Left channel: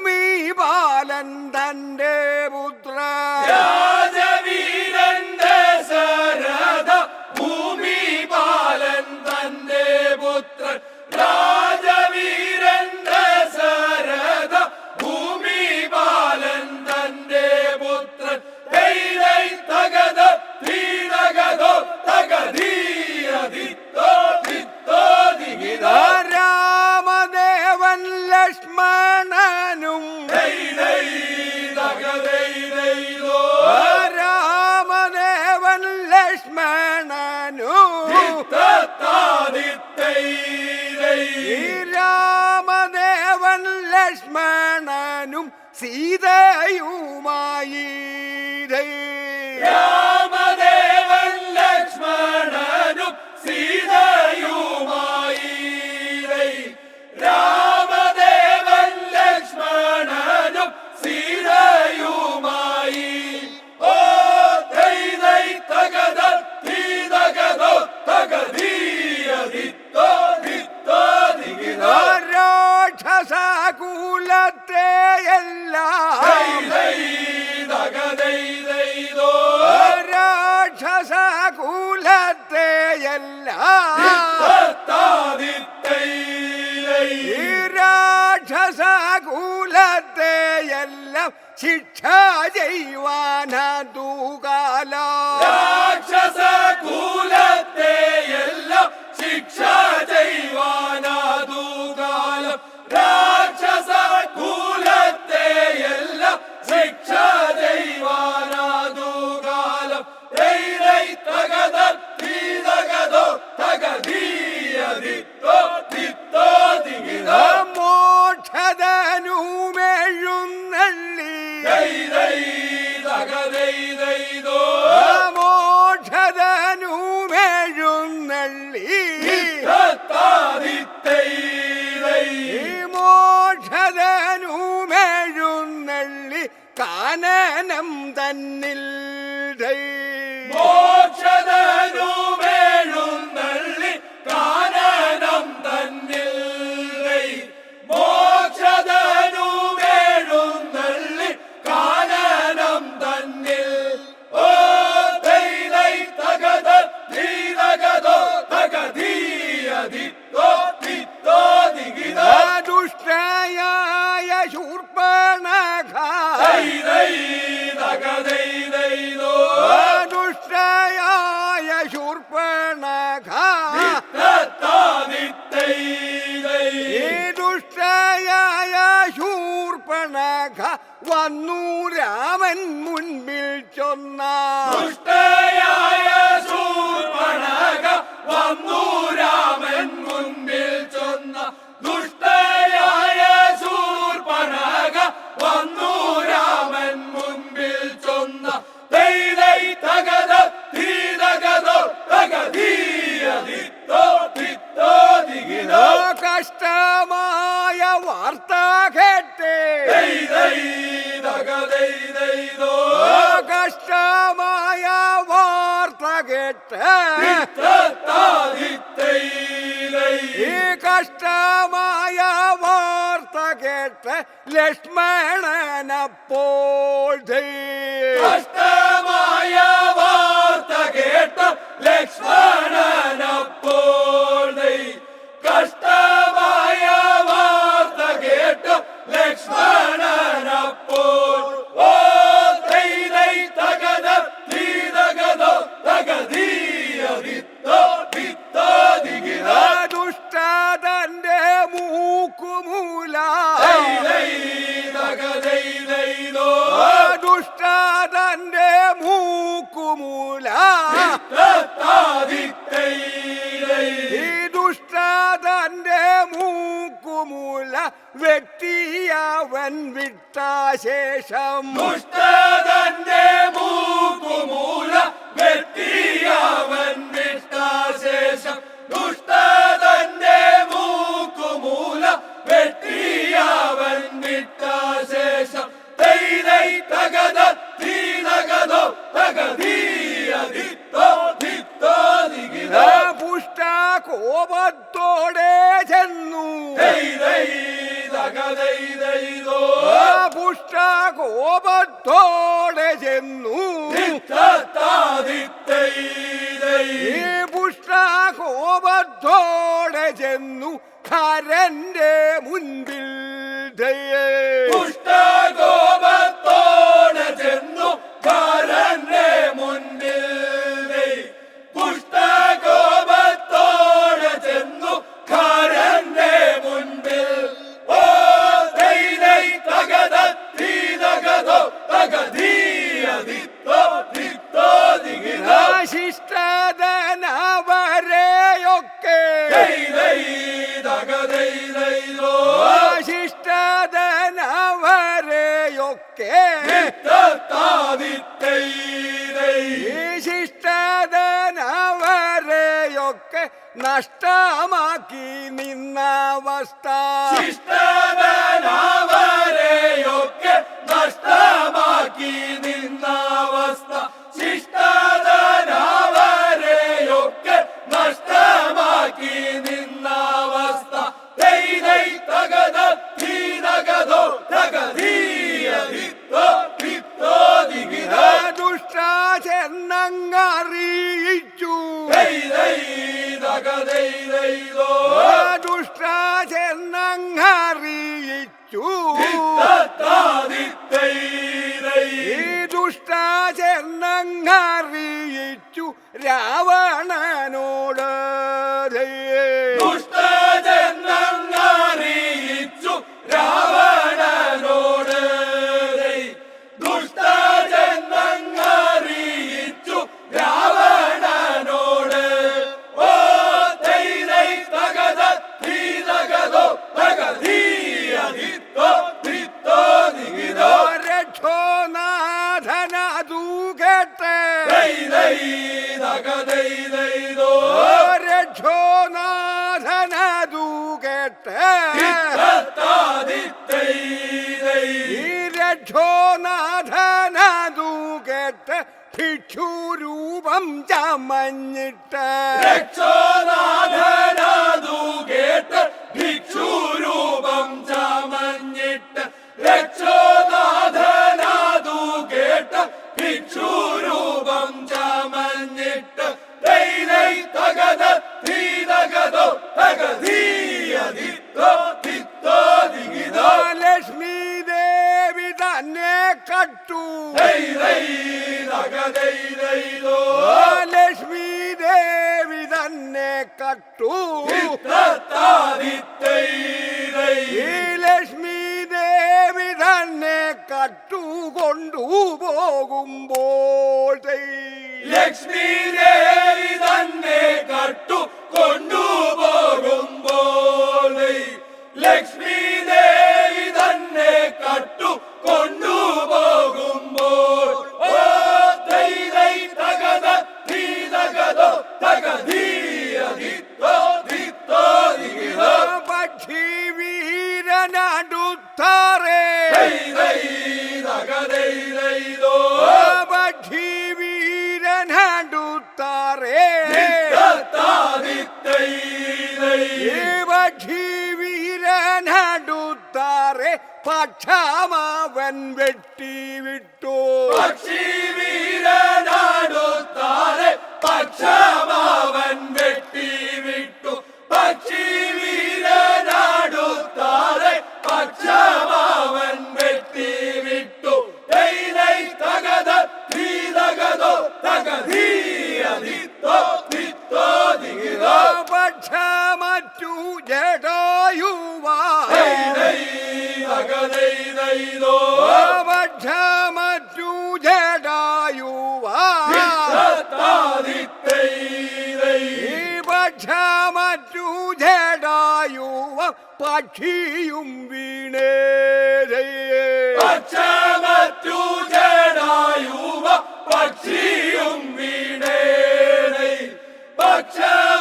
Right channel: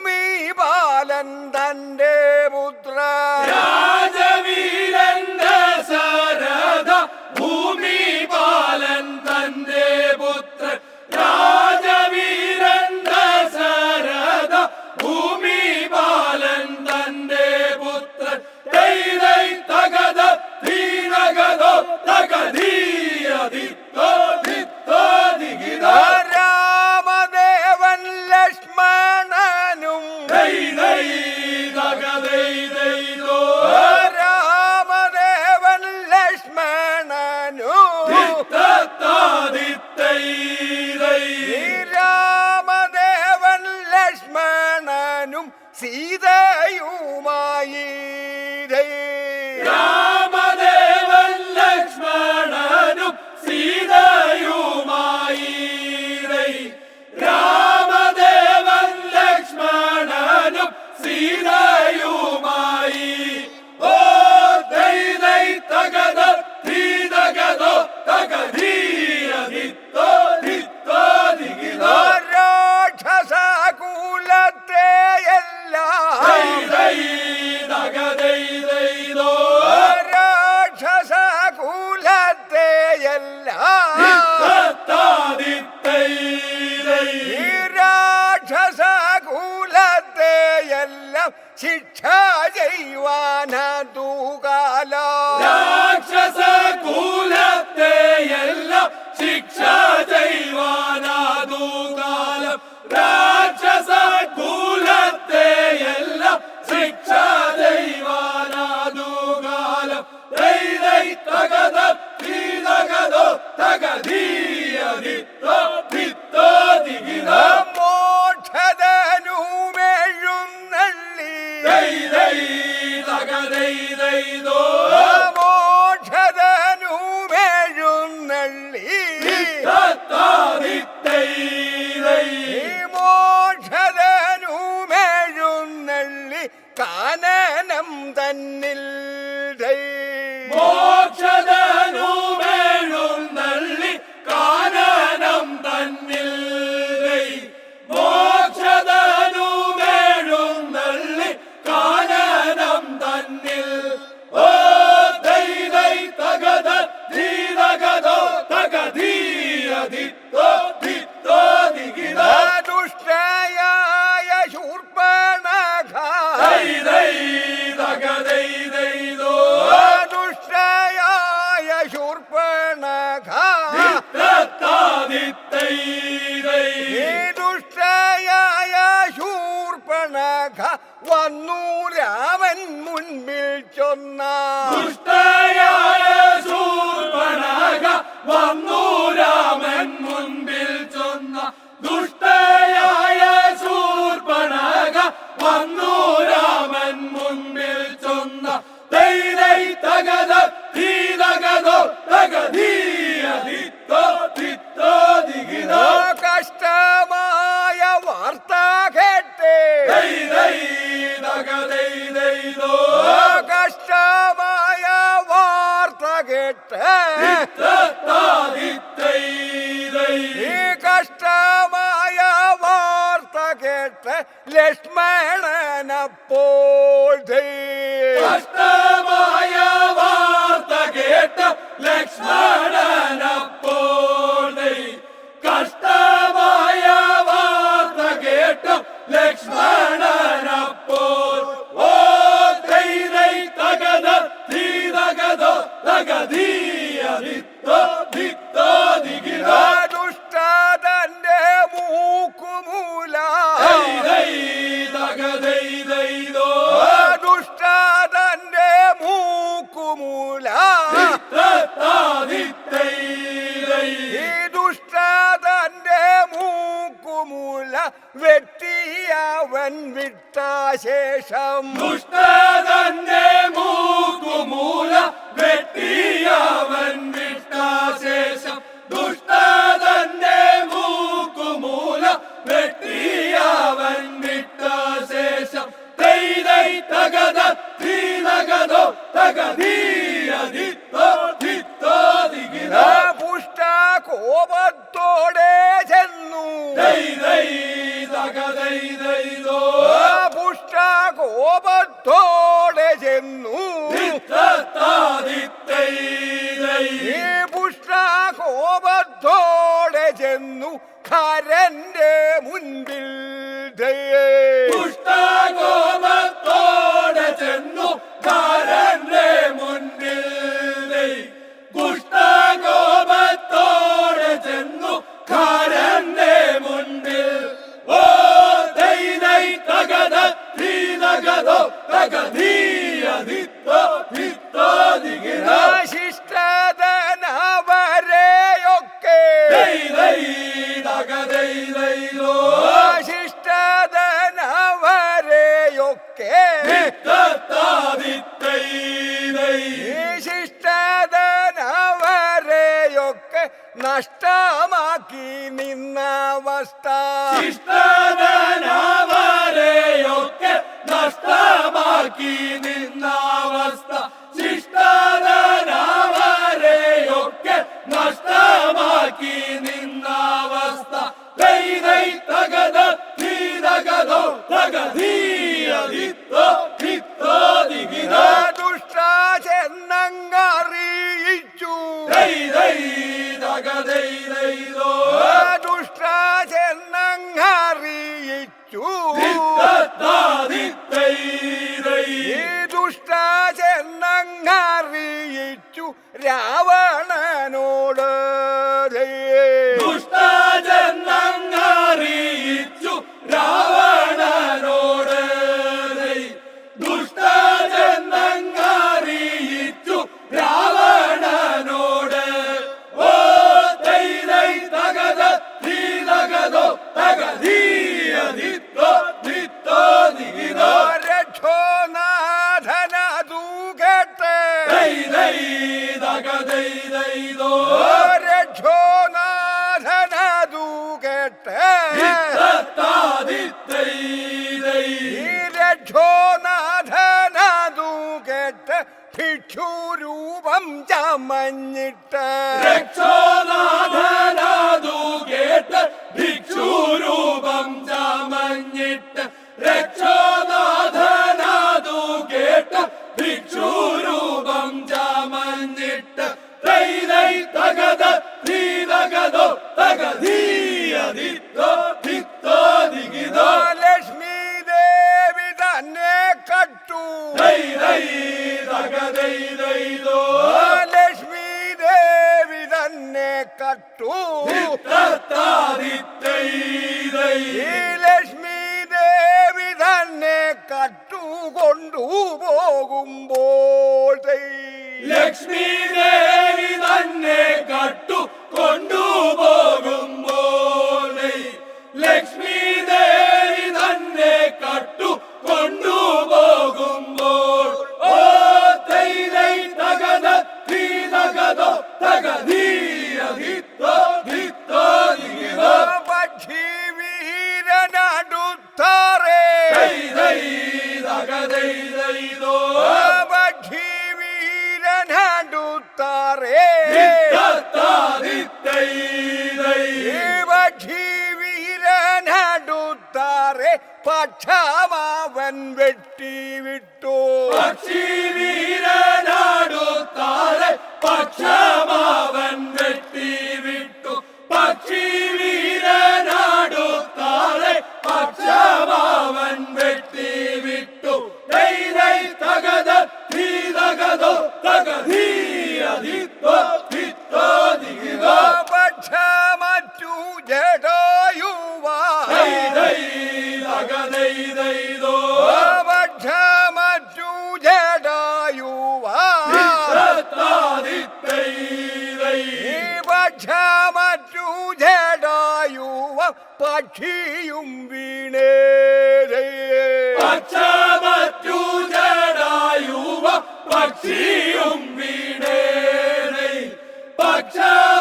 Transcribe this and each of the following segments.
me. Ramadevan ലക്ഷ്മണനും സീതയുമായി ശിക്ഷ ചെയ്യുവാനൂകാല രാക്ഷസ എല്ലാം ശിക്ഷ ചെയ്യുവാനൂകാലം രാക്ഷസ എല്ലാം അനനം തന്നിൽ മോക്ഷതനൂപേ ശാഖ വന്നു രാമൻ മുൻപിൽ ചൊന്ന. ശൂർപ്പണക വന്നു രാമൻ മുൻപിൽ ചൊന്ന. ദുഷ്ടയായ ശൂർപ്പണക വന്നു രാമൻ മുൻപിൽ ചൊന്ന. തൈതൈ തകത തീതകതോ തകതീയ ദിത്തോ ദിത്തോ ദിഗിതോ കഷ്ട amor. കോപത്തോടെ ചെന്നു. ഈ പുഷ്ട കോപത്തോടെ ചെന്നു കരന്റെ മുൻപിൽ പുഷ്ടകോ നഷ്ടമാക്കി നിന്നവസ്ഥ. ശിഷ്ടതനാവരെയൊക്കെ നഷ്ടമാക്കി നിന്നവസ്ഥ. ശിഷ്ടതനാവരെയൊക്കെ നഷ്ടമാക്കി നിന്നവസ്ഥ. തൈ തകത தை தகதை தைதோ ലക്ഷ്മി ദേവി തന്നെ കട്ടു. ഈ ലക്ഷ്മി ദേവി തന്നെ കട്ടു കട്ടുകൊണ്ടു പോകുമ്പോൾ ലക്ഷ്മി ദേവി തന്നെ കട്ടു കൊണ്ടു കൊണ്ടുപോകുമ്പോൾ ലക്ഷ്മി പക്ഷമാവൻ വെട്ടി വിട്ടു പക്ഷി വീരനാടോ താരെ പക്ഷമാവൻ പക്ഷിയും വീണേ. പക്ഷിയും വീണേ. പക്ഷ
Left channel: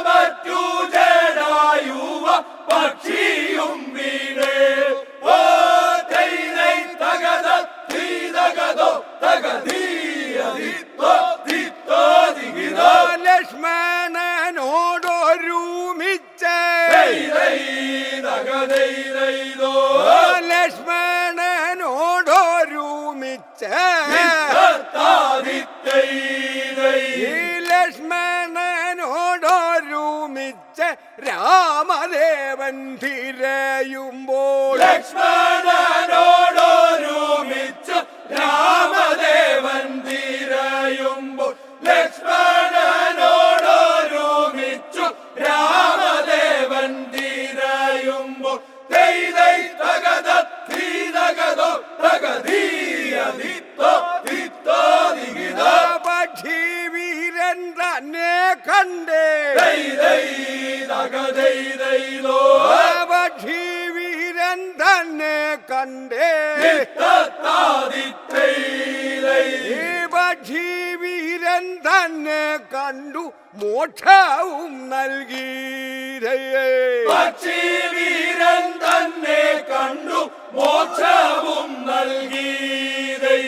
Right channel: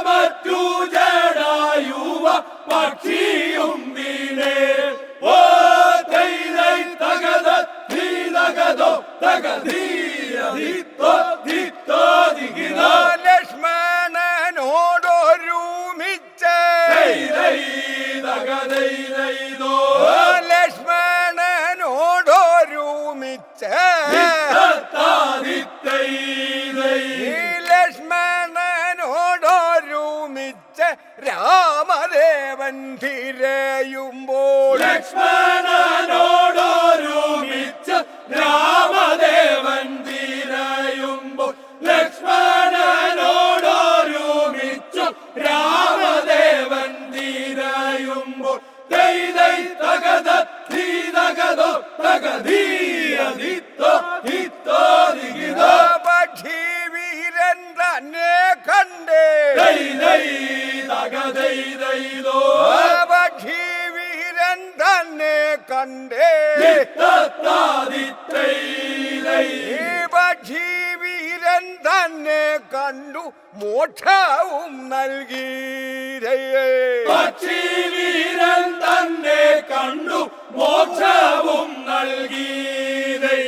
മറ്റു ജടായുവ പക്ഷിയും വീണേ. ഓ തൈ തകത തീ തകതോ തകതീ ചെയ്തെയ്തോ വീരൻ തന്നെ കണ്ടേ. ഭക്ഷീവീരൻ തന്നെ കണ്ടു മോക്ഷവും നൽകീരയേ. പക്ഷീവീരൻ തന്നെ കണ്ടു മോക്ഷവും നൽകീരൈ